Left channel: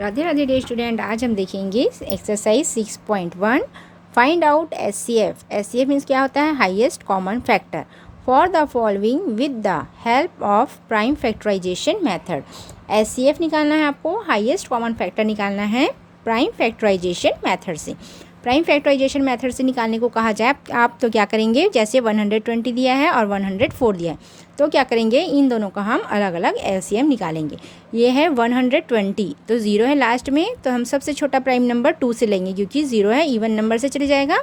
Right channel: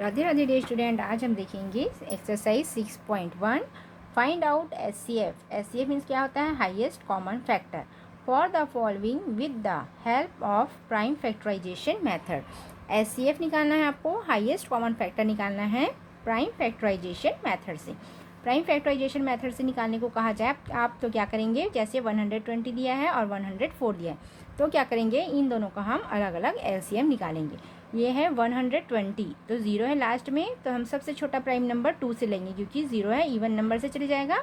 Radhe Radhe day student. आज हम देखेंगे exercise 6.1 find out HCF. HCF means क्या होता है? Highest common factor for the following with the help of prime factorisation method. HCF निकालना है आपको, हाईएस्ट कॉमन फैक्टर निकालना है प्राइम फैक्टराइजेशन मेथड से। प्राइम फैक्टराइजेशन मेथड से निकालने को कहा जाए आप तो क्या करेंगे, जैसे 120 दिया है और 104 दिया है तो क्या करेंगे, इन दोनों का हम अलग अलग एलसीएम निकालेंगे। ये है 120 तो ज़ीरो है लास्ट में, तो हम सबसे छोटा प्राइम नंबर 2 से लेंगे क्योंकि ज़ीरो है, इवन नंबर से चले जाएगा।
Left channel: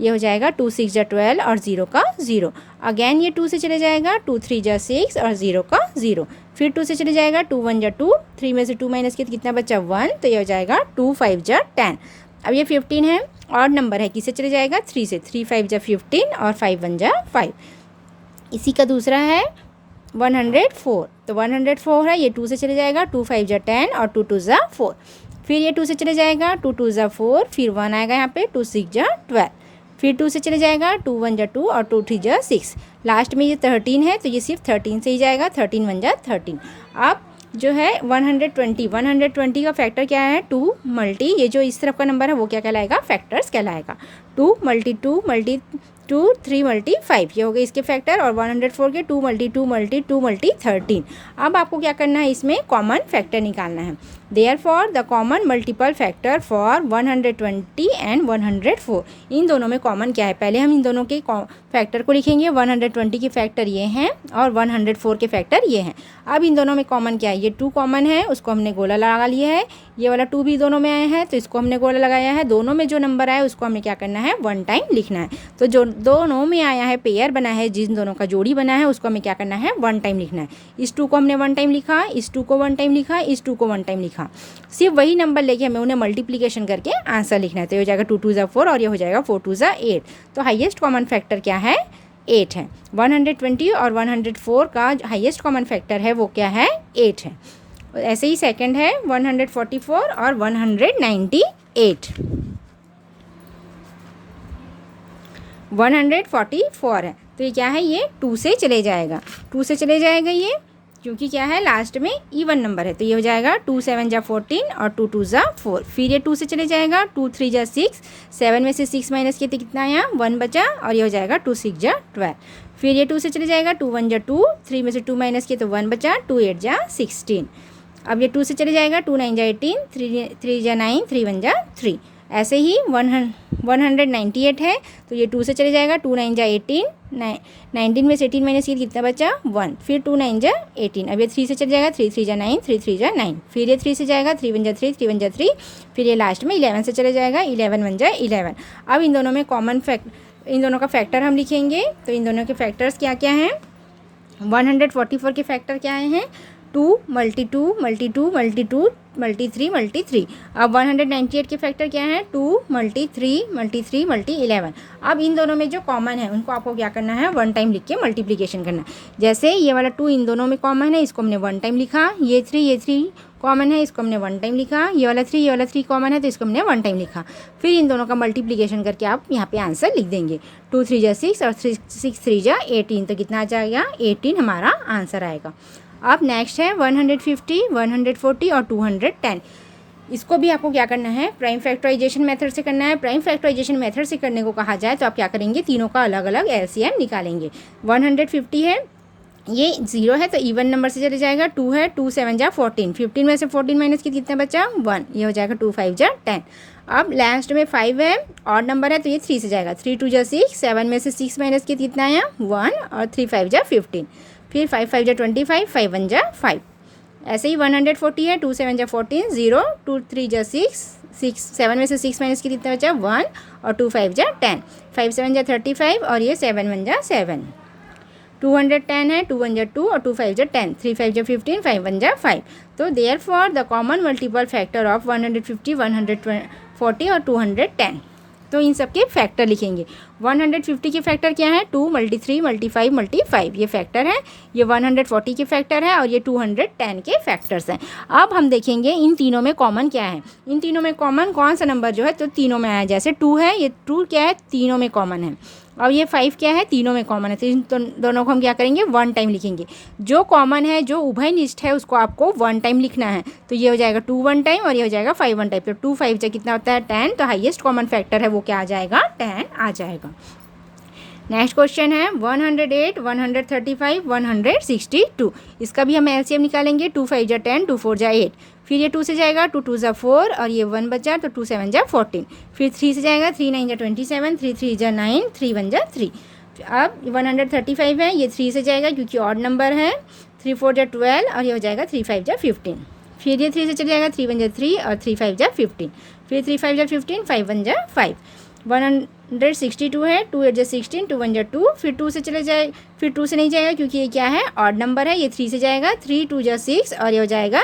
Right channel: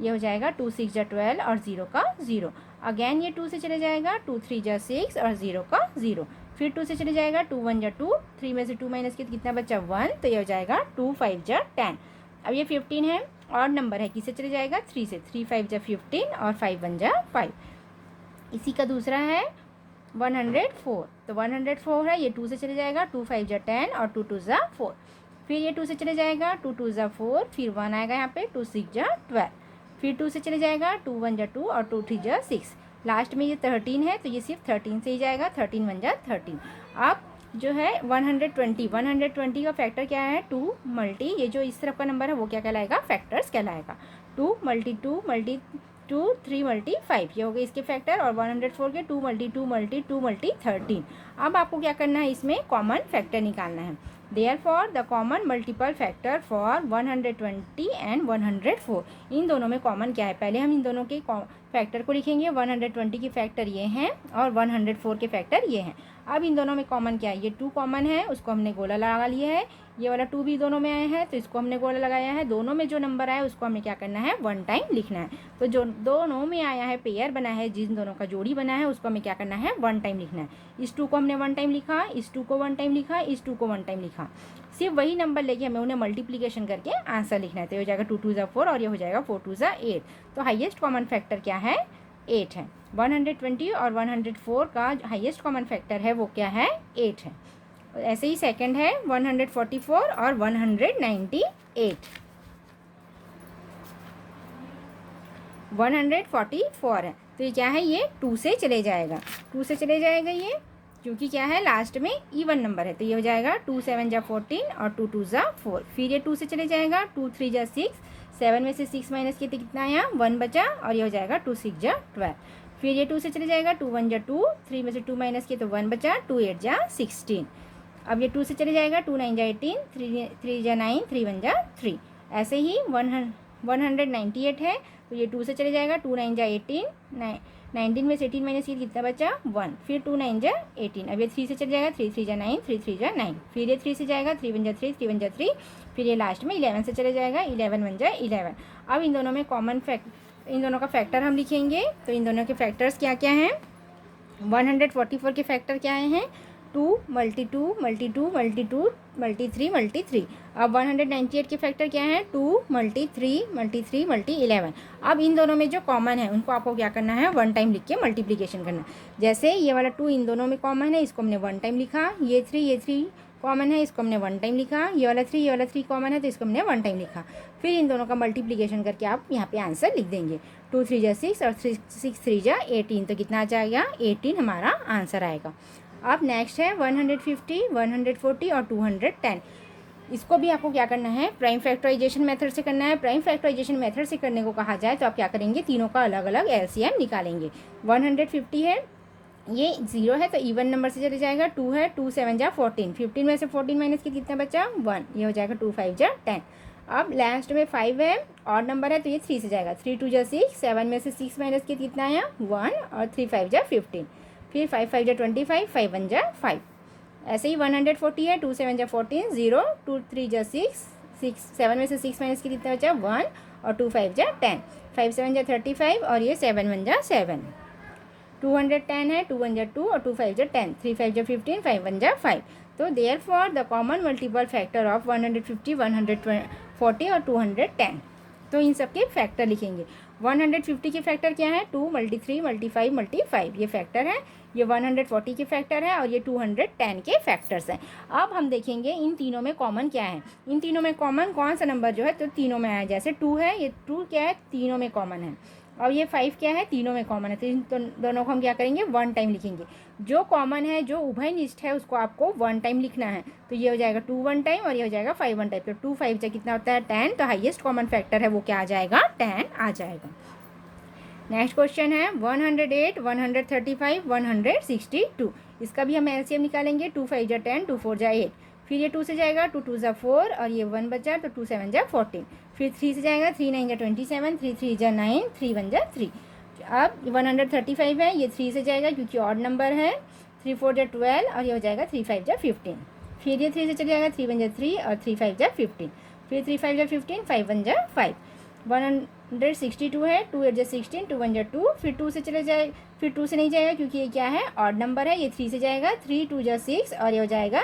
ये हो जाएगा 2 6 जा 12 और ज़ीरो का ज़ीरो। अगेन ये 2 से चले जाएगा, 2 3 जा 6 और ज़ीरो का ज़ीरो। फिर 2 से चले जाएगा, 2 1 जा 2, 3 में से 2 माइनस किया कितना बचा 1, तो ये हो जाएगा 2 5 जा 10। अब ये 15 है और नंबर है, किससे चले जाएगा 3 से, 3 5 जा 15 और 5 1 जा 5। इसी का दूसरा है 104, तो 104 है, ये 2 से चले जाएगा, 2 5 जा 10 और 2 2 जा 4। फिर ये 2 से चले जाएगा, 2 2 जा 4, फिर 1 आएगा यहाँ पे, 2 6 जा 12। फिर 2 से चले जाएगा, 2 1 जा 2 और 2 3 जा 6। लास्ट में ये 13 है तो ये सिर्फ 13 से ही जाएगा, 13 1 जा 13। अब जो है 120 का फैक्टर क्या है, 2 मल्टी ये जो इस तरफ का नंबर है वो क्या कहलाएगा, फैक्टर्स कहलाएगा। 2 मल्टी 2 मल्टी 2 3 मल्टी 5 ये हो गए इसके फैक्टर, और 104 के 2 मल्टी 2 मल्टी 2 मल्टी 13। अब आपको क्या करना है, इसमें कॉमन फैक्टर निकालना है। Therefore the common multiple factor for 120 and 104, इन दोनों में कॉमन क्या है, पहले हम इन दोनों के फैक्टर को लिखेंगे। 120 के फैक्टर ये हैं और 104 के फैक्टर ये हैं। अब इन दोनों में कॉमन क्या है, ये 2 कॉमन है, उसको हमने गोला लगा लिया है। ये वाला 2 भी दोनों में आया है तो इसको हमने गोला लगाया है। दोनों में जो नंबर आया उसको हमें क्या करना है, 1 टाइम लिखना है। तो जो दोनों में आया है, पेयर बना है, जिन दोनों का जोड़ी बना है उसको हमें क्या करना है, 1 टाइम लिखना है। इस 2 को हमने 1 टाइम लिखा, इस 2 को 1 टाइम लिखा, इस 2 को 1 टाइम लिखा। सिर्फ वही नंबर लेके हमें उन्हें मल्टीप्लीकेशन करके आंसर लिखना है। तो ये हो जाएगा 2 2 जा 4 और ये हो जाएगा 4 2 जा 8। तो हाईएस्ट कॉमन फैक्टर क्या है, 8 है। 120 और 104 का हाईएस्ट कॉमन फैक्टर है वो क्या है, 8 है। ऐसे ही सेकंड है 144 और 198। 144 है तो ये क्या है, ये 2 से चले जाएगा, 2 से चले जाएगा ये, क्योंकि क्या है लास्ट में इवन नंबर है। तो ये हो जाएगा 2 7 जा 14 और 2 2 जा 4। फिर ये 2 से चले जाएगा, 2 3 जा 6, 7 में से 6 माइनस किया तो कितना आया 1 बचा, और ये हो जाएगा 2 6 जा 12। फिर ये 2 से चले जाएगा, 2 1 जा 2, 3 में से 2 माइनस किया तो 1 बचा, 2 8 जा 16। अब ये 2 से चले जाएगा, 2 9 जा 18, 3 जा 9, 3 1 जा 3। ऐसे ही 198 है तो ये 2 से चले जाएगा, 2 9 जा 18, 19 में से 18 माइनस किया कितना बचा 1, फिर 2 9 जा 18। अब ये 3 से चले जाएगा, 3 3 जा 9, 3 3 जा 9। फिर ये 3 से जाएगा, 3 1 जा 3, 3 1 जा 3। फिर ये लास्ट में 11 से चले जाएगा, 11 1 जा 11। अब इन दोनों में कॉमन इन दोनों का फैक्टर हम लिखेंगे। तो इन दोनों के फैक्टर्स क्या क्या हैं, 144 के फैक्टर क्या हैं, 2 multi 2 multi 2 multi 2 multi 3 multi 3। अब 198 के फैक्टर क्या है, 2 मल्टी 3 मल्टी 3 मल्टी 11। अब इन दोनों में जो कॉमन है उनको आपको क्या करना है, 1 टाइम लिख के मल्टीप्लिकेशन करना है। जैसे ये वाला 2 इन दोनों में कॉमन है, इसको हमने 1 टाइम लिखा। ये 3 कॉमन है, इसको हमने 1 टाइम लिखा। ये वाला 3 कॉमन है तो इसको हमने 1 टाइम लिखा। फिर इन दोनों का मल्टीप्लिकेशन करके आप यहाँ पे आंसर लिख देंगे। 2 3 जा 6 और 6 3 जा 18, तो कितना आ जाएगा 18 हमारा आंसर आएगा। अब नेक्स्ट है 150, 140 और 210। इसको भी आपको क्या करना है, प्राइम फैक्टराइजेशन मेथड से करना है। प्राइम फैक्टराइजेशन मेथड से करने को कहा जाए तो आप क्या करेंगे, तीनों का अलग अलग एलसीएम निकालेंगे। 150 है, ये 0 है तो इवन नंबर से चले जाएगा। 2 है, 2 7 जा 14, 15 में से 14 माइनस कितना बचा 1, ये हो जाएगा 2 5 जा 10। अब लास्ट में 5 है, और नंबर है तो ये 3 से जाएगा। 3 2 जा 6, 7 में से 6 माइनस कितना आया 1, और 3 5 जा 15। फिर 5 5 जा 25, 5 1 जा 5। ऐसे ही 140 है, 2 7 जा 14, 0, 2 3 जा 6, 7 में से 6 माइनस कितना बचा 1, और 2 5 जा 10, 5 7 जा 35 और ये 7 1 जा 7। 210 है, 2 1 जा 2 और 2 5 जा 10, 3 5 जा 15, 5 1 जा 5। तो therefore the common multiple factor of 150, 140 और 210। तो इन सब के फैक्टर लिखेंगे। 150 के फैक्टर क्या है, 2 मल्टी 3 मल्टी 5 मल्टी 5 ये फैक्टर है। ये 140 के फैक्टर है और ये 210 के फैक्टर्स हैं। अब हम देखेंगे इन तीनों में कॉमन क्या है। इन तीनों में कॉमन कौन सा नंबर जो है तो तीनों में आया, जैसे 2 है, ये 2 क्या है तीनों में कॉमन है। और ये 5 क्या है, तीनों में कॉमन है, तो इन दोनों को हम क्या करेंगे, 1 टाइम लिखेंगे। जो कॉमन है, जो उभयनिष्ठ है, उसको आपको 1 टाइम लिखना है। तो ये हो जाएगा 2 1 टाइम और ये हो जाएगा 5 1 टाइम। तो 2 5 से कितना होता है, 10। तो हाईएस्ट कॉमन फैक्टर है वो क्या आ जाएगा, 10 आ जाएगा। नेक्स्ट क्वेश्चन है 108, 135, 162। इसका भी हम एलसीएम निकालेंगे। 2 5 जा 10, 2 4 जा 8, फिर ये 2 से जाएगा, 2 2 जा 4 और ये 1 बचा, तो 2 7 जा 14। फिर 3 से जाएगा, 3 9 जा 27, 3 3 जा 9, 3 1 जा 3। अब 135 है, ये 3 से जाएगा क्योंकि ऑड नंबर है, 3 4 जा 12 और ये हो जाएगा 3 5 जा 15। फिर ये 3 से चले जाएगा, 3 1 जा 3 और 3 5 जा 15। फिर 3 5 जा 15, 5 1 जा 5। 162 है, 2 8 जा 16, 2 1 जा 2। फिर 2 से चले जाए, फिर 2 से नहीं जाएगा क्योंकि ये क्या है, ऑड नंबर है। ये 3 से जाएगा, 3 2 जा 6 और ये हो जाएगा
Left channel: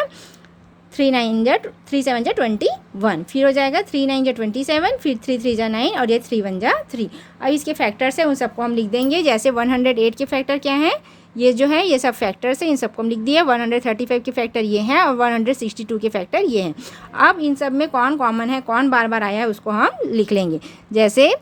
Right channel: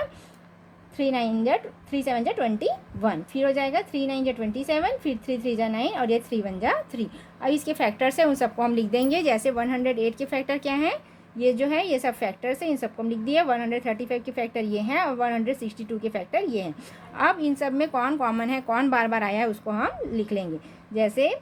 3 9 जा 3 7 जा 21। फिर हो जाएगा 3 9 जा 27, फिर 3 3 जा 9 और ये 3 1 जा 3। अब इसके फैक्टर्स है, उन सबको हम लिख देंगे। जैसे 108 के फैक्टर क्या है, ये जो है, ये सब फैक्टर्स हैं, इन सबको हम लिख दिए। 135 के फैक्टर ये हैं और 162 के फैक्टर ये हैं। अब इन सब में कौन कॉमन है, कौन बार बार आया है, उसको हम लिख लेंगे। जैसे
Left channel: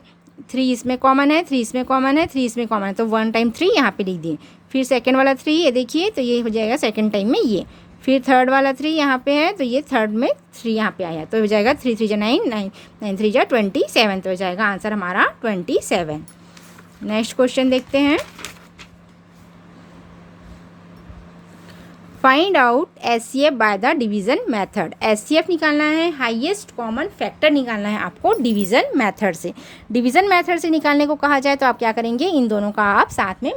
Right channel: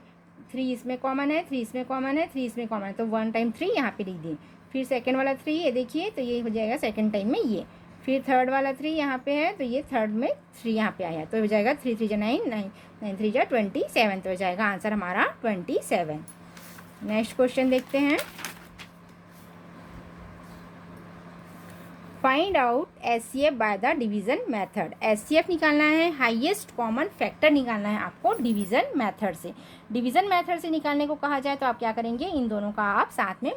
3 इसमें कॉमन है, 3 इसमें कॉमन है, 3 इसमें कॉमन है, तो 1 टाइम 3 यहाँ पे लिख दिए। फिर सेकंड वाला 3 ये देखिए, तो ये हो जाएगा सेकंड टाइम में ये। फिर थर्ड वाला 3 यहाँ पे है, तो ये थर्ड में 3 यहाँ पे आया, तो हो जाएगा 3 3 जा 9, 9 3 जा 27। तो हो जाएगा आंसर हमारा 27। नेक्स्ट क्वेश्चन देखते हैं। Find out HCF by the division method. HCF निकालना है, हाईएस्ट कॉमन फैक्टर निकालना है आपको डिवीज़न मेथड से। डिवीज़न मेथड से निकालने को कहा जाए तो आप क्या करेंगे, इन दोनों का आप साथ में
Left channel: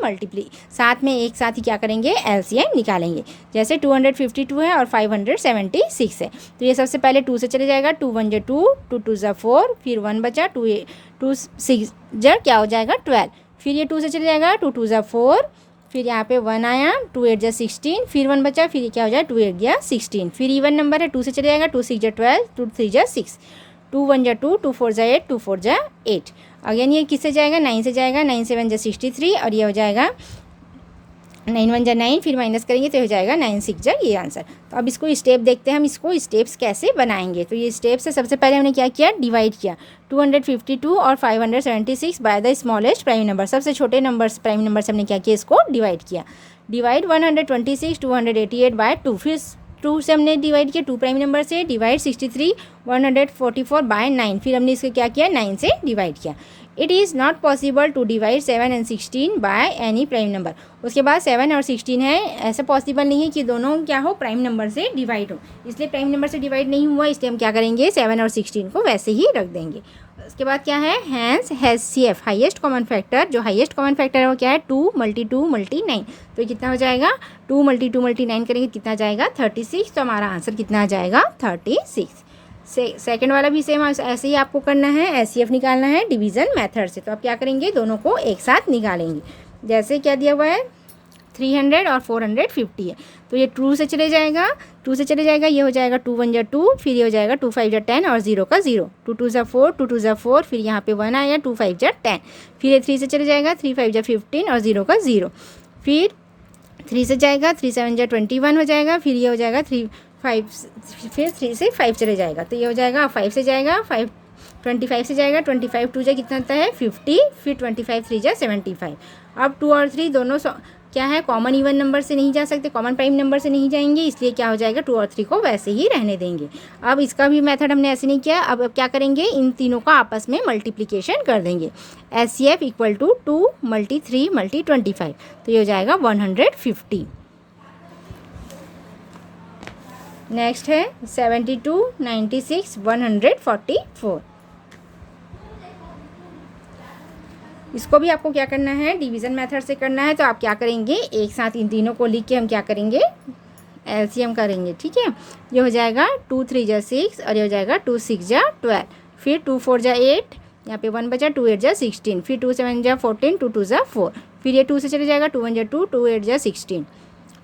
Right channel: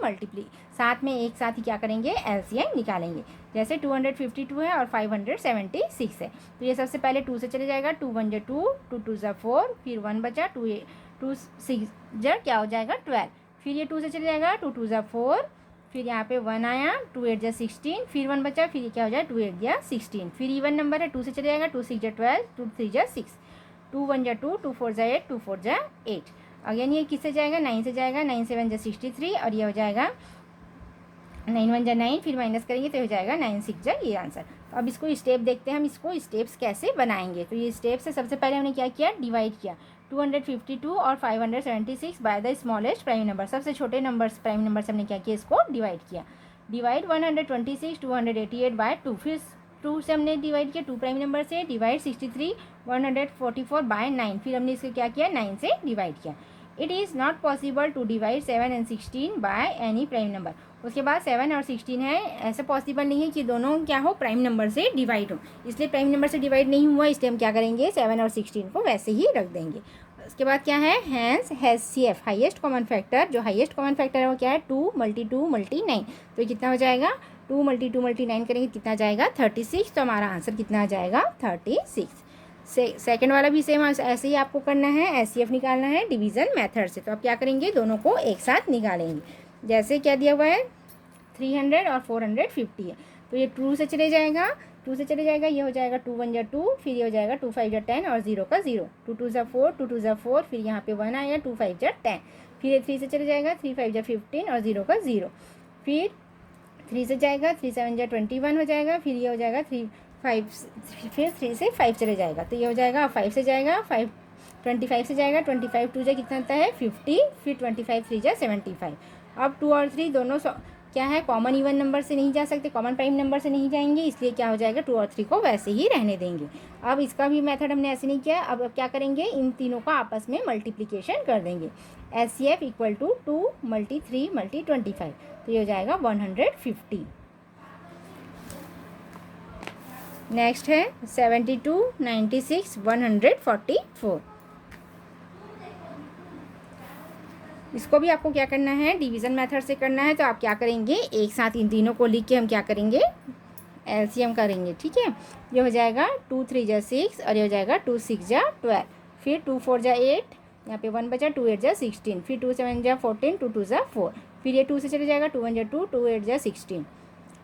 साथ में एक साथ ही क्या करेंगे, एलसीएम निकालेंगे। जैसे 252 है और 576 है, तो ये सबसे पहले 2 से चले जाएगा। 2 1 जा 2, 2 2 जा 4, फिर 1 बचा, 2 6 जा क्या हो जाएगा 12। फिर ये 2 से चले जाएगा, 2 2 जा 4, फिर यहाँ पे 1 आया, 2 8 जा 16, फिर 1 बचा, फिर क्या हो जाए 2 8 जा 16। फिर इवन नंबर है, 2 से चले जाएगा, 2 6 जा 12, 2 3 जा 6, 2 1 जा 2, 2 4 जा 8, 2 4 जा 8। अगेन ये किससे जाएगा, 9 से जाएगा, 9 7 जा 63 और ये हो जाएगा 9 1 जा 9, फिर माइनस करेंगे तो हो जाएगा 9 6 जा, ये आंसर। तो अब इसको स्टेप देखते हैं, हम इसको स्टेप्स कैसे बनाएंगे। तो ये स्टेप्स है, सबसे पहले हमने क्या किया, डिवाइड किया 252 और 576 by the smallest prime number. सबसे छोटे नंबर्स प्राइम नंबर से हमने क्या किया, इसको डिवाइड किया। डिवाइड 126 288 बाय 2, फिर 2 से हमने डिवाइड किया 2 प्राइम नंबर से। डिवाइड 63 144 बाय 9, फिर हमने इसको क्या किया, 9 से डिवाइड किया। It is not possible to divide 7 and 16 by any prime number. उसके बाद 7 और 16 है, ऐसा पॉसिबल नहीं है कि दोनों क्या हो, प्राइम नंबर से डिवाइड हो, इसलिए प्राइम नंबर से डिवाइड नहीं हुआ, इसलिए हम क्या करेंगे, 7 और 16 को वैसे ही रख देंगे। उसके बाद क्या है, hence HCF highest common factor, जो हाईएस्ट कॉमन फैक्टर है वो क्या है, 2 × 2 × 9। तो कितना हो जाएगा, 2 × 2 × 9 करेंगे कितना आ जाएगा, 36। तो हमारा आंसर कितना आ जाएगा, 36। सेकेंड वाला भी सेम ऐसे ही आपको करना है, HCF निकालना है डिवीज़न मेथड से। तो आप क्या करेंगे, दोनों को एक साथ निकालेंगे। जैसे क्या दिया हुआ है, 300 और 450 है, तो ये 2 से चले जाएगा, 2 से चले जाएगा, ये हो जाएगा 2 1 जा 2, फिर ये हो जाएगा 2 5 जा 10 और 0 का 0, 2 2 जा 4, 2 2 जा 4, फिर यहाँ पे 1 आएगा, 2 5 जा 10, फिर ये 3 से चले जाएगा, 3 5 जा 15 और 0 का 0, फिर 3 से जाएगा, 3 7 जा 21 हो जाएगा, फिर ये हो जाएगा 3 5, फिर 3 से 5 चले जाएगा, तो ये हो जाएगा 5 से जाएगा, 5 25 से जाएगा, 25 2 जा कितना होता है 50, फिर 25 3 जा 75। अब 2 और 3 दोनों क्या है, कॉमन इवन नंबर से नहीं जा सकते, कॉमन प्राइम नंबर से नहीं जाएंगे, इसलिए क्या हो जाएगा, 2 और 3 को वैसे ही रहने देंगे। अब इसका भी मेथड हमने ऐसे नहीं किया, अब क्या करेंगे, इन तीनों का आपस में मल्टीप्लिकेशन कर देंगे। HCF = 2 × 3 × 25, तो ये हो जाएगा 150। नेक्स्ट है 72 96 144। इसको भी आपको क्या करना है, डिवीज़न मेथड से करना है। तो आप क्या करेंगे, एक साथ इन तीनों को लिख के हम क्या करेंगे, एलसीएम करेंगे, ठीक है। ये हो जाएगा 2 3 जा 6 और ये हो जाएगा 2 6 जा 12, फिर 2 4 जा 8, यहाँ पे 1 बचा, 2 8 जा 16, फिर 2 7 जा 14, 2 2 जा 4, फिर ये 2 से चले जाएगा, 2 1 जा 2, 2 8 जा 16,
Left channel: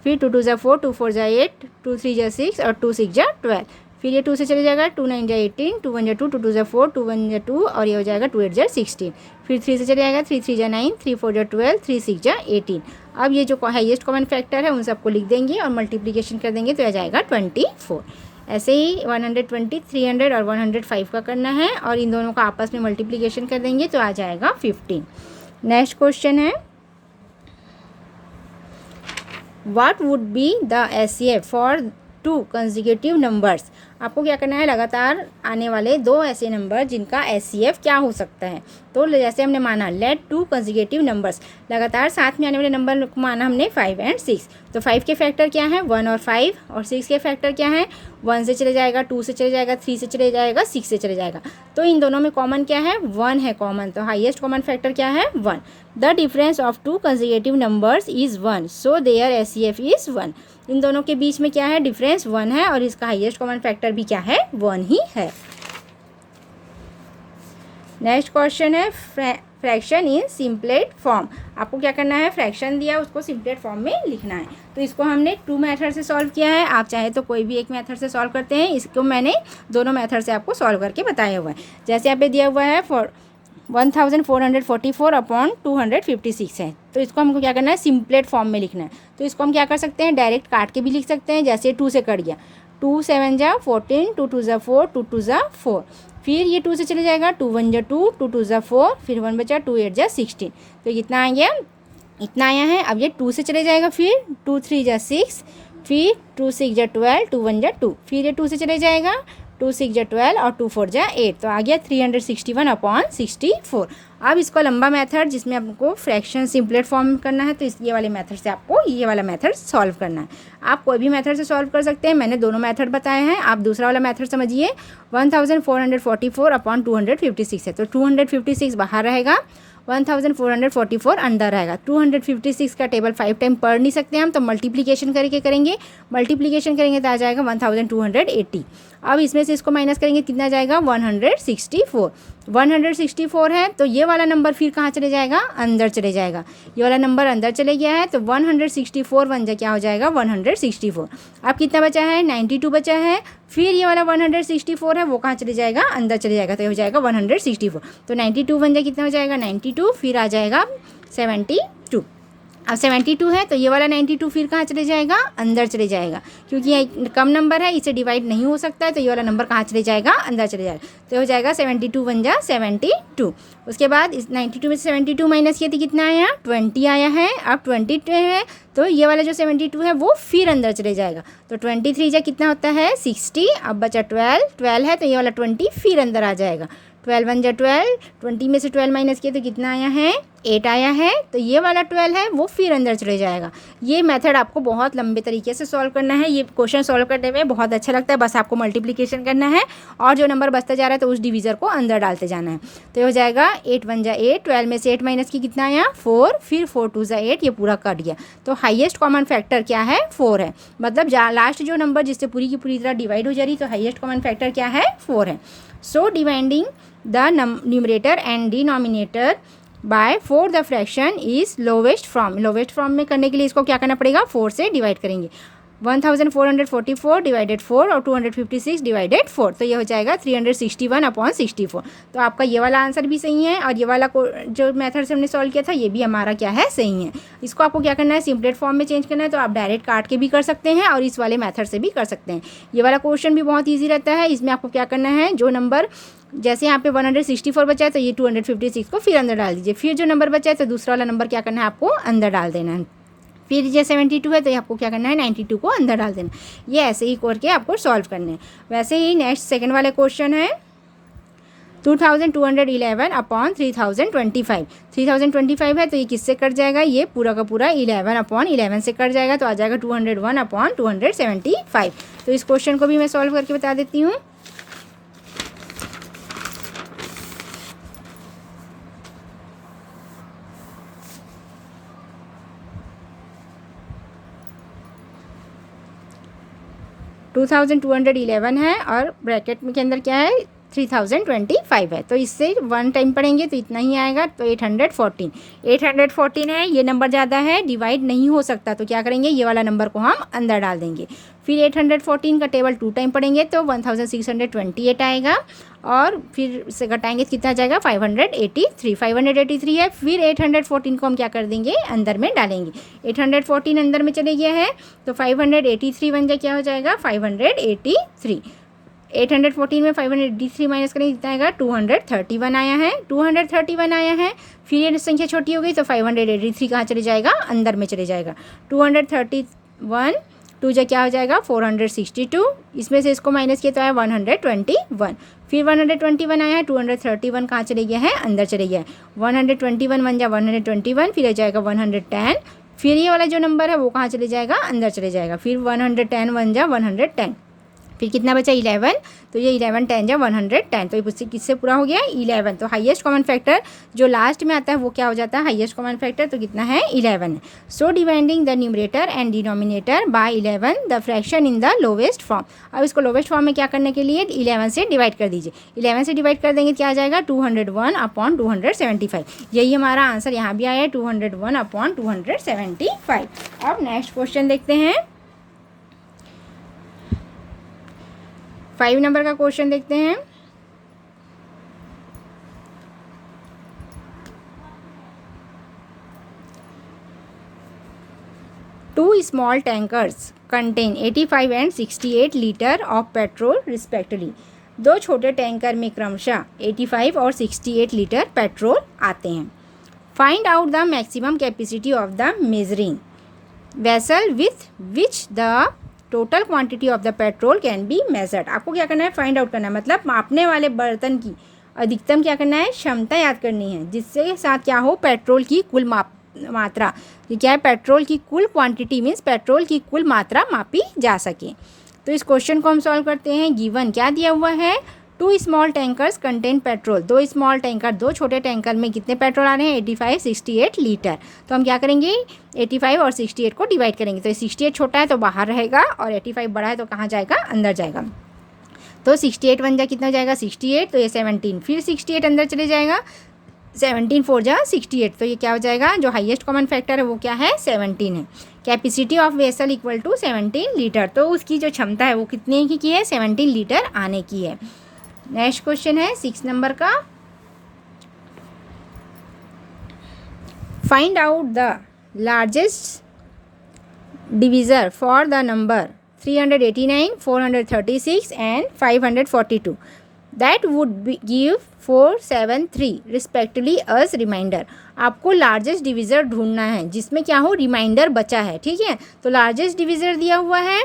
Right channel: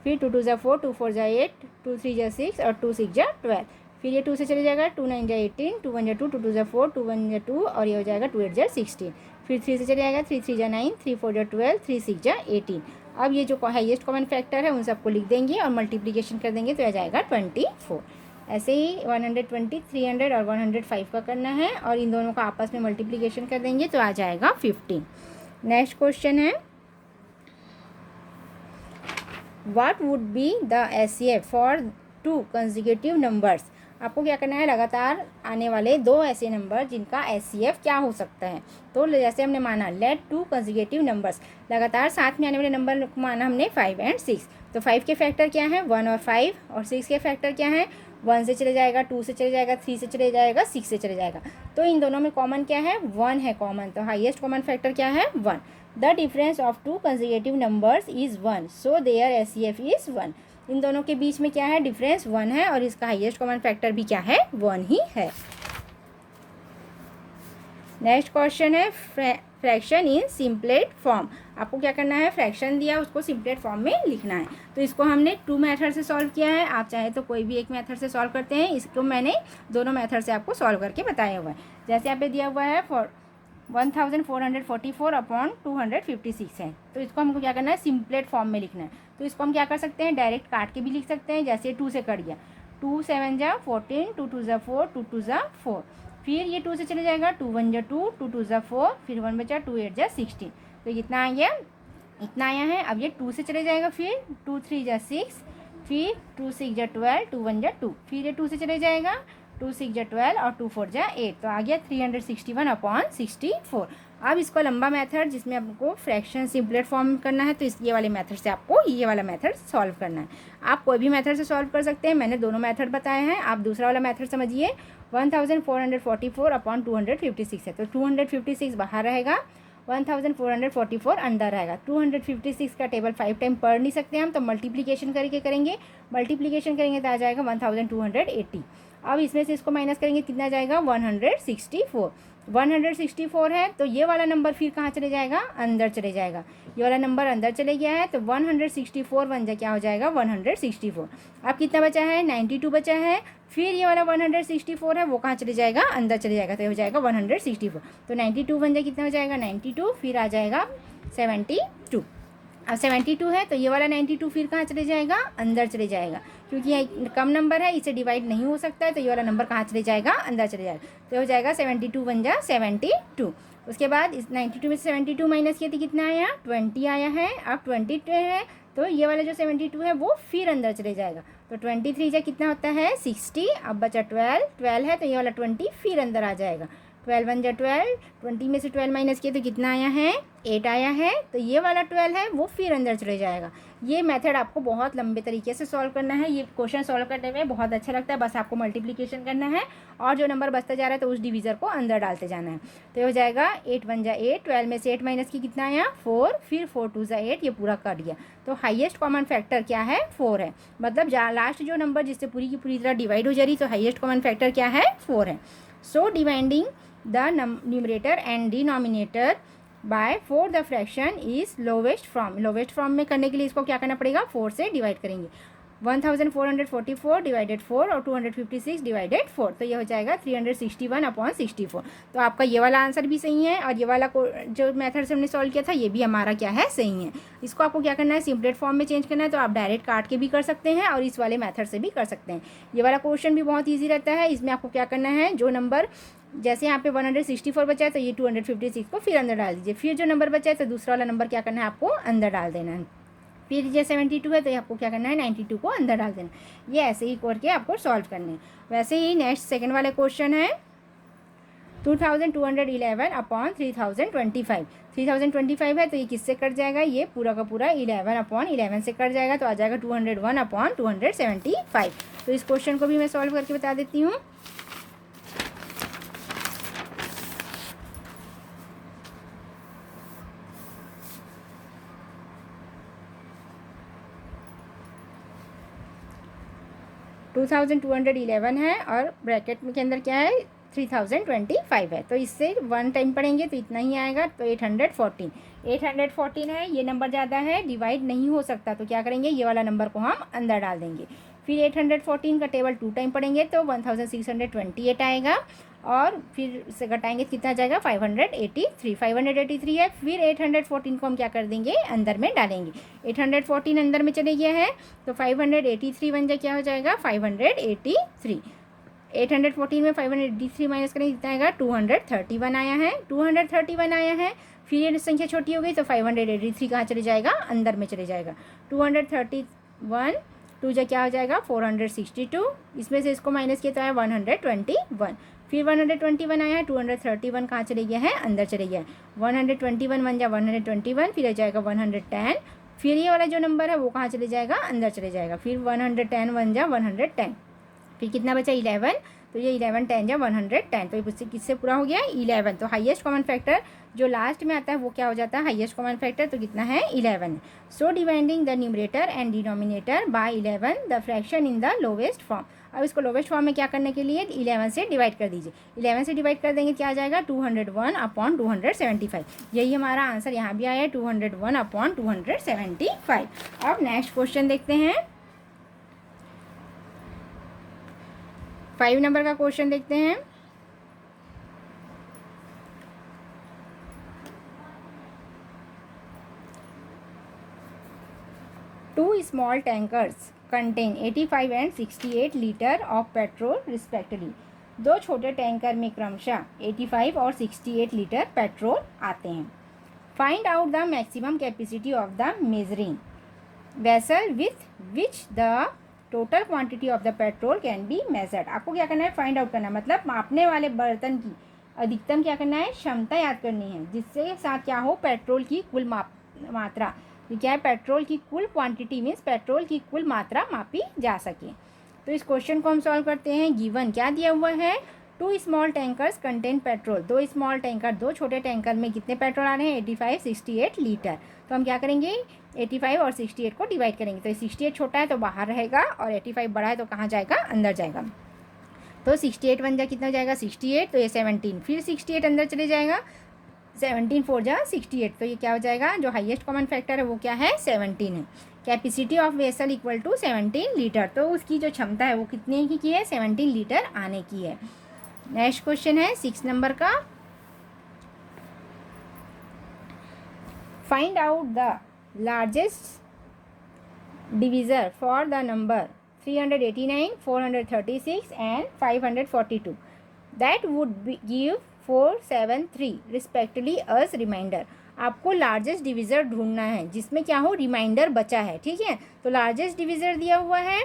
फिर 2 2 जा 4, 2 4 जा 8, 2 3 जा 6 और 2 6 जा 12, फिर ये 2 से चले जाएगा, 2 9 जा 18, 2 1 जा 2, 2 2 जा 4, 2 1 जा 2 और ये हो जाएगा 2 8 जा 16, फिर 3 से चले जाएगा, 3 3 जा 9, 3 4 जा 12, 3 6 जा 18। अब ये जो हाईएस्ट कॉमन फैक्टर है उन सबको लिख देंगे और मल्टीप्लिकेशन कर देंगे, तो आ जाएगा 24। ऐसे ही 120 300 और 105 का करना है और इन दोनों का आपस में मल्टीप्लिकेशन कर देंगे, तो आ जाएगा 15। नेक्स्ट क्वेश्चन है what would be the HCF for 2 consecutive numbers. आपको क्या करना है, लगातार आने वाले 2 ऐसे नंबर जिनका एचसीएफ क्या हो सकता है। तो जैसे हमने माना लेट 2 कंसेक्यूटिव नंबर्स, लगातार साथ में आने वाले नंबर को माना हमने 5 और 6। तो 5 के फैक्टर क्या है 1 और 5, और 6 के फैक्टर क्या है 1 से चले जाएगा, 2 से चले जाएगा, 3 से चले जाएगा, 6 से चले जाएगा। तो इन दोनों में कॉमन क्या है 1 है कॉमन, तो हाईएस्ट कॉमन फैक्टर क्या है 1। The difference of 2 consecutive numbers is 1, so there HCF is 1। इन दोनों के बीच में क्या है डिफरेंस 1 है, और इसका हाईएस्ट कॉमन फैक्टर भी क्या है 1 ही है। नेक्स्ट क्वेश्चन है फ्रैक्शन इन सिंपलेट फॉर्म। आपको क्या करना है, फ्रैक्शन दिया उसको सिंपलेट फॉर्म में लिखना है। तो इसको हमने 2 मेथड से सॉल्व किया है, आप चाहे तो कोई भी एक मेथड से सॉल्व करते हैं। इसको मैंने दोनों मेथड से आपको सॉल्व करके बताया हुआ है। जैसे यहाँ पे दिया हुआ है 1444 अपॉन 256 है, तो इसको हमको क्या करना है सिंपलेट फॉर्म में लिखना है। तो इसको हम क्या कर सकते हैं, डायरेक्ट काट के भी लिख सकते हैं। जैसे 2 से कट गया, 2 7 जा 14, 2 2 जा 4, 2 2 जा 4, फिर ये 2 से चले जाएगा, 2 1 जा 2, 2 2 जा 4, फिर 1 बचा, 2 8 जा 16। तो कितना आ गया, इतना आया है। अब ये 2 से चले जाएगा, फिर 2 3 जा 6, फिर 2 6 जा 12, 2 1 जा 2, फिर ये 2 से चले जाएगा, 2 6 जा 12 और 2 4 जा 8। तो आ गया 361 अपॉन 64। अब इसको लंबा मेथड जिसमें आपको फ्रैक्शन सिंपलेट फॉर्म करना है, तो ये वाले मेथड से आपको ये वाला मेथड सॉल्व करना है। आप कोई भी मेथड से सॉल्व कर सकते हैं, मैंने दोनों मेथड बताए हैं। आप दूसरा वाला मेथड समझिए, 1444 अपॉन 256 है, तो 256 बाहर रहेगा, 1444 अंदर रहेगा। 256 का टेबल 5 टाइम पढ़ नहीं सकते हम, तो मल्टीप्लिकेशन करके करेंगे। मल्टीप्लिकेशन करेंगे तो आ जाएगा 1280। अब इसमें से इसको माइनस करेंगे, कितना जाएगा 164। 164 है, तो ये वाला नंबर फिर कहाँ चले जाएगा, अंदर चले जाएगा। ये वाला नंबर अंदर चले गया है, तो 164 बन जा क्या हो जाएगा 164। अब कितना बचा है 92 बचा है, फिर ये वाला 164 है वो कहाँ चले जाएगा, अंदर चले जाएगा, तो ये हो जाएगा 164। तो 92 बन जाए कितना हो जाएगा 92, फिर आ जाएगा 72। अब 72 है, तो ये वाला 92 फिर कहाँ चले जाएगा, अंदर चले जाएगा, क्योंकि ये कम नंबर है, इसे डिवाइड नहीं हो सकता है, तो ये वाला नंबर कहाँ चले जाएगा, अंदर चले जाएगा। तो हो जाएगा 72 बन जा 72। उसके बाद इस 92 में से 72 माइनस किया तो कितना आया 20 आया है। अब 22 है, तो ये वाला जो 72 है वो फिर अंदर चले जाएगा, तो 23 जा कितना होता है 60। अब बचा 12 है, तो ये वाला 20 फिर अंदर आ जाएगा। 12 बन जा 12, 20 में से 12 माइनस किया तो कितना आया है 8 आया है, तो ये वाला 12 है वो फिर अंदर चले जाएगा। ये मेथड आपको बहुत लंबे तरीके से सॉल्व करना है। ये क्वेश्चन सॉल्व करने में बहुत अच्छा लगता है, बस आपको मल्टीप्लिकेशन करना है और जो नंबर बचता जा रहा है तो उस डिवीज़र को अंदर डालते जाना है। तो ये हो जाएगा 8 बन जा 8, 12 में से 8 माइनस की कितना आया 4, फिर 4 2 जा 8, ये पूरा कट गया। तो हाईएस्ट कॉमन फैक्टर क्या है 4 है, मतलब लास्ट जो नंबर जिससे पूरी की पूरी तरह डिवाइड हो जा रही, तो हाईएस्ट कॉमन फैक्टर क्या है 4 है। So dividing the numerator and denominator by 4 the fraction is lowest form। lowest form में करने के लिए इसको क्या करना पड़ेगा 4 से डिवाइड करेंगे। 1444 डिवाइडेड 4 और 256 डिवाइडेड 4, तो ये हो जाएगा 361 अपॉन 64। तो आपका ये वाला आंसर भी सही है, और ये वाला जो मेथड से हमने सॉल्व किया था ये भी हमारा क्या है सही है। इसको आपको क्या करना है सिंपलेट फॉर्म में चेंज करना है, तो आप डायरेक्ट काट के भी कर सकते हैं और इस वाले मेथड से भी कर सकते हैं। ये वाला क्वेश्चन भी बहुत ईजी रहता है। इसमें आपको क्या करना है, जो नंबर जैसे यहाँ पे 164 बचा है, तो ये 256 को फिर अंदर डाल दीजिए, फिर जो नंबर बचा है तो दूसरा वाला नंबर क्या करना है आपको अंदर डाल देना है, फिर ये 72 है तो आपको क्या करना है 92 को अंदर डाल देना। ये ऐसे ही करके आपको सॉल्व करना है। वैसे ही नेक्स्ट सेकंड वाले क्वेश्चन है 2211 अपॉन 3025। 3025 है, तो ये किससे कट जाएगा, ये पूरा का पूरा 11 अपॉन 11 से कट जाएगा, तो आ जाएगा 201 अपॉन 275। तो इस क्वेश्चन को भी मैं सॉल्व करके बता देती हूँ। टू 2211 है और ब्रैकेट के अंदर क्या है 3025 है, तो इससे 1 टाइम पढ़ेंगे तो इतना ही आएगा, तो 814 है। ये नंबर ज़्यादा है, डिवाइड नहीं हो सकता, तो क्या करेंगे ये वाला नंबर को हम अंदर डाल देंगे। फिर 814 का टेबल 2 टाइम पढ़ेंगे तो 1628 आएगा, और फिर से घटाएंगे कितना जाएगा 583 है। फिर 814 को हम क्या कर देंगे अंदर में डालेंगे, 814 अंदर में चले गया है, तो 583 बन जाए क्या हो जाएगा 583। 814 में 583 माइनस करेंगे कितना आएगा, 231 आया है, 231 आया है। फिर ये संख्या छोटी हो गई तो 583 कहाँ चले जाएगा, अंदर में चले जाएगा। 231 टू जो क्या हो जाएगा 462, इसमें से इसको माइनस किया तो आया 121। फिर 121 आया है, 231 कहाँ चले गया है, अंदर चले गया है। 121 वन जा 121, फिर आ जाएगा 110। फिर ये वाला जो नंबर है वो कहाँ चले जाएगा, अंदर चले जाएगा। फिर 110 वन जा 110, फिर कितना बचा 11, तो ये 11 10 जा 110, तो ये किससे पूरा हो गया 11। तो हाईएस्ट कॉमन फैक्टर जो लास्ट में आता है वो क्या हो जाता है, हाईएस्ट कॉमन फैक्टर, तो कितना है 11। So dividing the numerator and denominator by 11 the fraction in the lowest form. अब इसको लोवेस्ट फॉर्म में क्या करने के लिए 11 से डिवाइड कर दीजिए। 11 से डिवाइड कर देंगे क्या आ जाएगा 201/275। यही हमारा आंसर यहाँ भी आया है 201/275। अब नेक्स्ट क्वेश्चन देखते हैं, 5 नंबर का क्वेश्चन देखते हैं। Two small tankers contain 85 and 68 litre of petrol respectively. दो छोटे टैंकर में क्रमशः 85 और 68 लीटर पेट्रोल आते हैं। Find out the maximum capacity of the measuring vessel with which the total quantity of the petrol can be measured. आपको क्या करना है, फाइंड आउट करना है, मतलब मापने वाले बर्तन की अधिकतम क्या करना है, क्षमता याद करनी है, जिससे साथ क्या हो पेट्रोल की कुल मात्रा, ये क्या है पेट्रोल की कुल क्वांटिटी मीन्स पेट्रोल की कुल मात्रा मापी जा सके। तो इस क्वेश्चन को हम सॉल्व करते हैं। गिवन क्या दिया हुआ है, 2 small tankers contain petrol. 2 small tanker, 2 छोटे टैंकर में कितने पेट्रोल आ रहे हैं 85 68 लीटर। तो हम क्या करेंगे 85 और 68 को डिवाइड करेंगे। तो 68 छोटा है तो बाहर रहेगा और 85 बड़ा है तो कहाँ जाएगा, अंदर जाएगा। तो 68 वन जा कितना हो जाएगा 68, तो ये 17, फिर 68 अंदर चले जाएगा, 17 4 जा 68, तो ये क्या हो जाएगा, जो हाईएस्ट कॉमन फैक्टर है वो क्या है 17 है। Capacity of vessel equal to 17 litre, तो उसकी जो क्षमता है वो कितने की है 17 लीटर आने की है। नेक्स्ट क्वेश्चन है 6 नंबर का। Find out the largest divisor for the number 389 436 and 542 that would give 473 respectively us reminder. आपको लार्जेस्ट डिविजर ढूंढना है जिसमें क्या हो रिमाइंडर बचा है, ठीक है। तो लार्जेस्ट डिविजर दिया हुआ है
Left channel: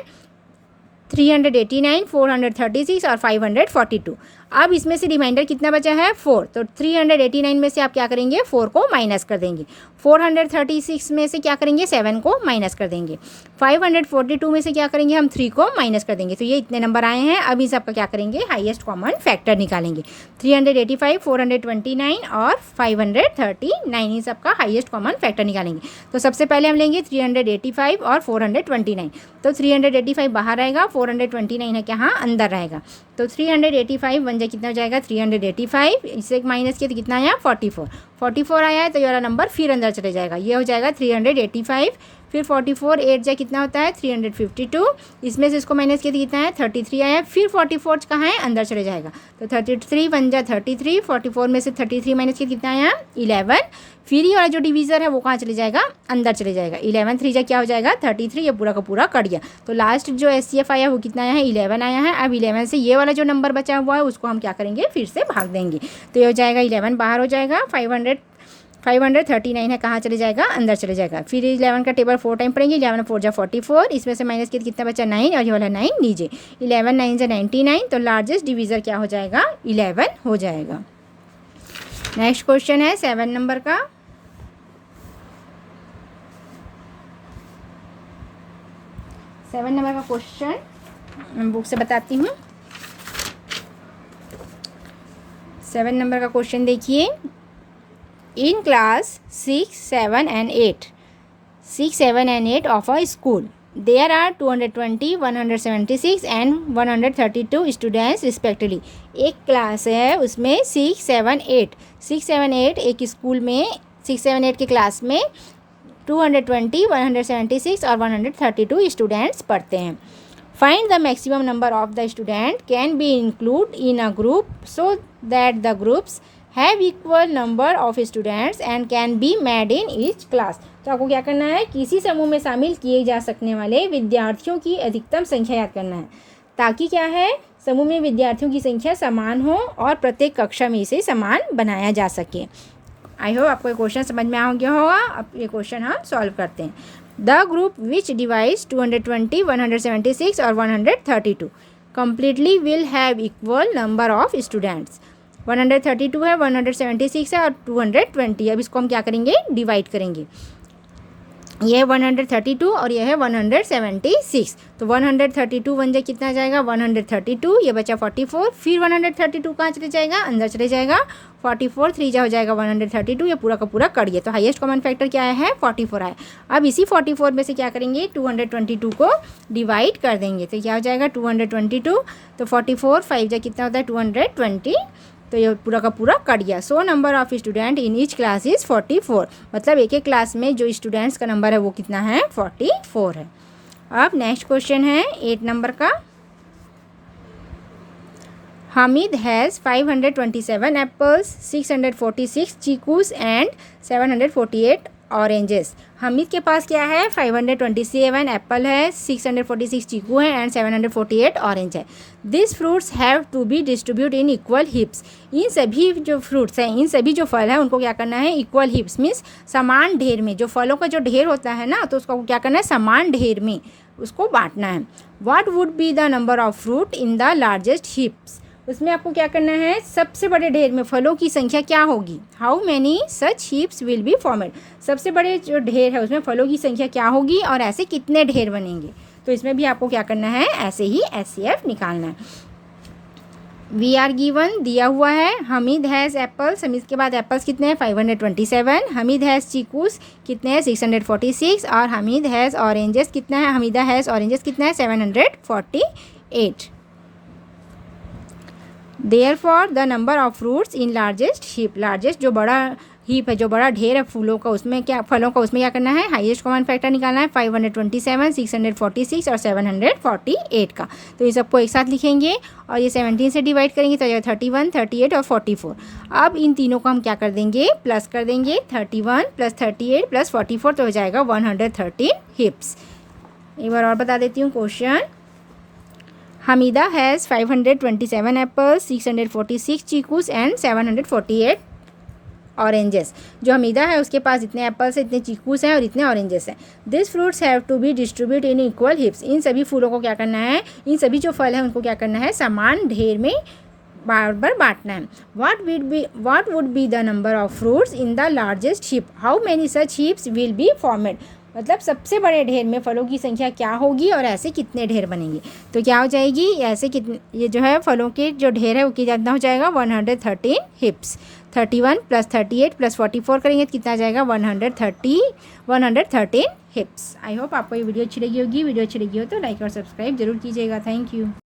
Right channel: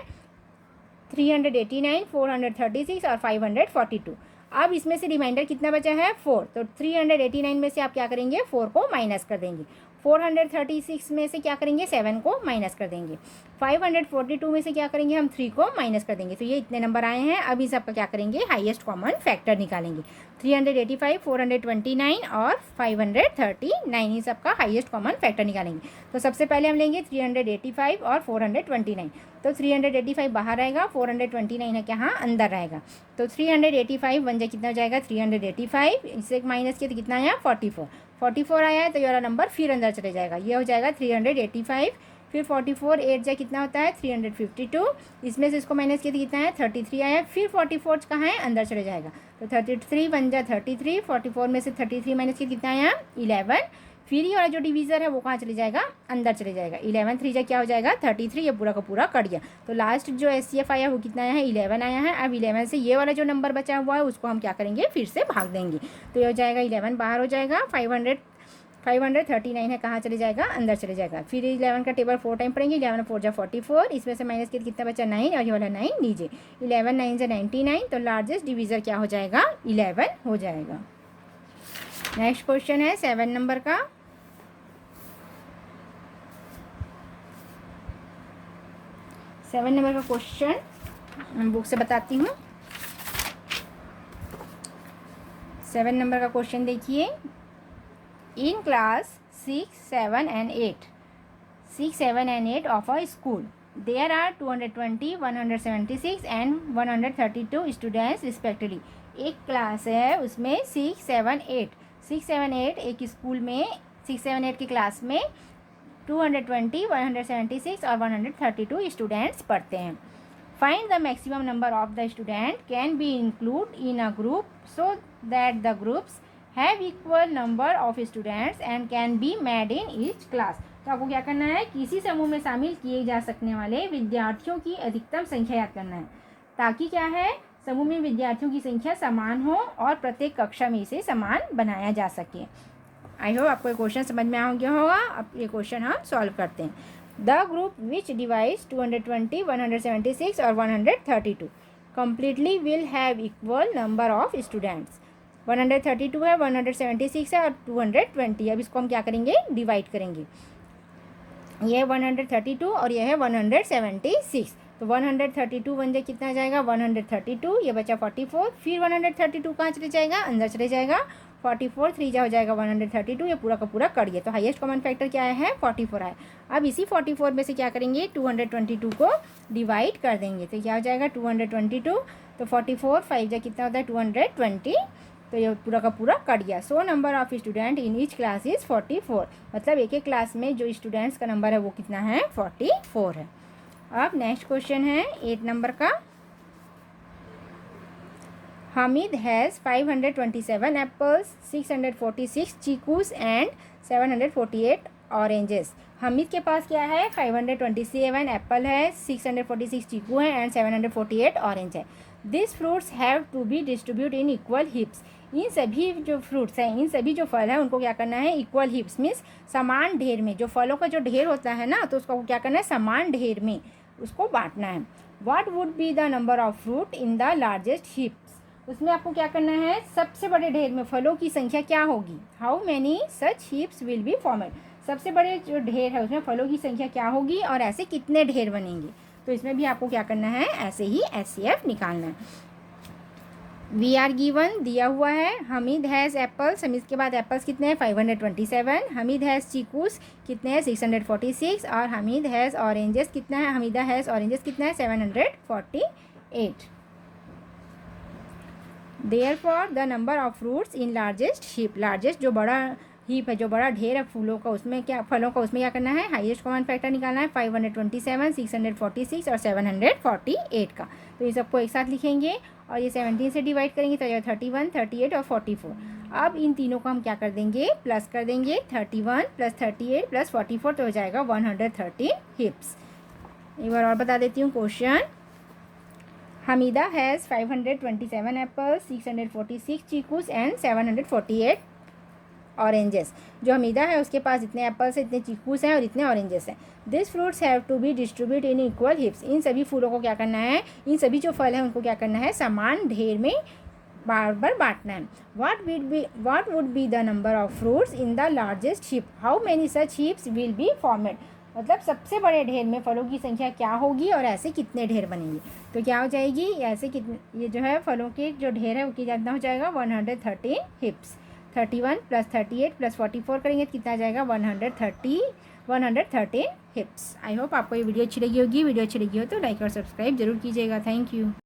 389 436 और 542। अब इसमें से रिमाइंडर कितना बचा है 4, तो 389 में से आप क्या करेंगे 4 को माइनस कर देंगे। 436 में से क्या करेंगे 7 को माइनस कर देंगे। 542 में से क्या करेंगे हम 3 को माइनस कर देंगे। तो ये इतने नंबर आए हैं। अब इस सबका क्या करेंगे हाईएस्ट कॉमन फैक्टर निकालेंगे। 385 429 और 539 इन सबका हाईएस्ट कॉमन फैक्टर निकालेंगे। तो सबसे पहले हम लेंगे 385 और 429। तो 385 बाहर रहेगा, 429 है क्या अंदर रहेगा। तो 385 वन जा कितना हो जाएगा 385, इससे माइनस किया तो कितना आया 44 आया है। तो ये वाला नंबर फिर अंदर चले जाएगा, ये हो जाएगा 385। फिर 44 8 जा कितना होता है 352, इसमें से इसको माइनस किया तो कितना है 33 आया है। फिर 44 कहाँ है अंदर चले जाएगा, तो 33 वन जा 33, 44 में से 33 माइनस किया कितना आया 11। फिर ये वाला जो डिवीज़र है वो कहाँ चले जाएगा अंदर चले जाएगा। 11 3 जा क्या हो जाएगा 33, ये पूरा का पूरा कट गया। तो लास्ट जो SCF आया वो कितना आया है 11 आया है। अब 11 से ये वाला जो नंबर बचा हुआ है उसको हम क्या करेंगे फिर से भाग देंगे। तो ये हो जाएगा 11 बाहर हो जाएगा, 539 है कहाँ चले जाएगा अंदर चले जाएगा। फिर 11 का टेबल 4 टाइम पढ़ेंगे, 11 4 जा 44, इसमें से माइनस किया कितना बचा 9 और ये वाला 9 लीजिए। 11 9 जा 99, तो लार्जेस्ट डिवीज़र क्या हो जाएगा 11 हो जाएगा। नेक्स्ट क्वेश्चन है 7 नंबर का। सेवन नंबर का क्वेश्चन बुक से बताती हूँ। 7 नंबर का क्वेश्चन देखिए। In class 6 7 and 8 of a school there are 220 176 and 132 students respectively. एक क्लास है उसमें 6 7 8 एक स्कूल में 6 7 8 के क्लास में 220 176 और 132 स्टूडेंट्स पढ़ते हैं। Find the maximum number of the student can be include in a group so that the groups have equal number of students and can be made in each class. तो आपको क्या करना है किसी समूह में शामिल किए जा सकने वाले विद्यार्थियों की अधिकतम संख्या याद करना है, ताकि क्या है समूह में विद्यार्थियों की संख्या समान हो और प्रत्येक कक्षा में इसे समान बनाया जा सके। आई होप आपको ये क्वेश्चन समझ में आ गया होगा। अब ये क्वेश्चन हम सॉल्व करते हैं। द ग्रुप विच डिवाइड्स 220, 176 और 132 completely will have equal number of students। 132 है, 176 है और 220। अब इसको हम क्या करेंगे, डिवाइड करेंगे। यह है 132 और यह है 176। तो 132 वन जा कितना जाएगा 132, ये बचा 44। फिर 132 कहाँ चले जाएगा, अंदर चले जाएगा। 44 3 जा हो जाएगा 132, ये पूरा का पूरा कट गया। तो हाईएस्ट कॉमन फैक्टर क्या है 44 आया। अब इसी 44 में से क्या करेंगे 222 को डिवाइड कर देंगे। तो क्या हो जाएगा 222। तो 44 5 जा कितना होता है 220। तो ये पूरा का पूरा कट गया। So number of student in each class is 44। मतलब एक एक क्लास में जो स्टूडेंट्स का नंबर है वो कितना है 44 है। अब नेक्स्ट क्वेश्चन है 8 नंबर का। Hamid has 527 apples, 646 chikoos and 748 oranges. Hamid के पास क्या है 527 एप्पल है, 646 चीकू है एंड 748 ऑरेंज है। This fruits have to be distribute in equal heaps. इन सभी जो फ्रूट्स हैं, इन सभी जो फल हैं उनको क्या करना है इक्वल हिप्स मीन्स समान ढेर में। जो फलों का जो ढेर होता है ना, तो उसको क्या करना है समान ढेर में उसको बांटना है। What would be the number of fruit in the largest हिप्स। उसमें आपको क्या करना है सबसे बड़े ढेर में फलों की संख्या क्या होगी। How many such heaps will be formed. सबसे बड़े जो ढेर है उसमें फलों की संख्या क्या होगी और ऐसे कितने ढेर बनेंगे। तो इसमें भी आपको क्या करना है ऐसे ही HCF निकालना है। वी आर गिवन दिया हुआ है हमीद हैज़ एप्पल्स। हमीद के बाद एप्पल्स कितने हैं 527। हमीद हैज़ चीकूस कितने हैं 646 और हमीद हैज़ ऑरेंजेस कितना है हमीदा हैज़ ऑरेंजेस कितना है 748। Therefore the number of fruits in largest heap। Largest जो बड़ा हीप है, जो बड़ा ढेर है फूलों का, उसमें क्या फलों का उसमें क्या करना है हाईएस्ट कॉमन फैक्टर निकालना है 527, 646 और 748 का। तो ये सबको एक साथ लिखेंगे और ये 17 से डिवाइड करेंगे तो 31, 38 और 44। अब इन तीनों को हम क्या कर देंगे प्लस कर देंगे 31 + 38 + 44 तो हो जाएगा 113 हिप्स। एक बार और बता देती हूँ question. Hamida has 527 apples, 646 chikoos and 748 oranges. जो हमीदा है उसके पास इतने एप्पल्स हैं, इतने चीकूस हैं और इतने ऑरेंजेस हैं। This fruits have to be distribute in equal heaps. इन सभी फूलों को क्या करना है, इन सभी जो फल हैं उनको क्या करना है समान ढेर में बराबर बांटना है। What would be the number of fruits in the largest hip. How many such हिप्स will be formed. मतलब सबसे बड़े ढेर में फलों की संख्या क्या होगी और ऐसे कितने ढेर बनेंगे। तो क्या हो जाएगी ऐसे कितने, ये जो है फलों के जो ढेर है वो कितना हो जाएगा 113 हिप्स। 31 + 38 + 44 करेंगे तो कितना आ जाएगा 113 हिप्स। आई होप आपको ये वीडियो अच्छी लगी होगी। वीडियो अच्छी लगी हो तो लाइक और सब्सक्राइब जरूर कीजिएगा। Thank you.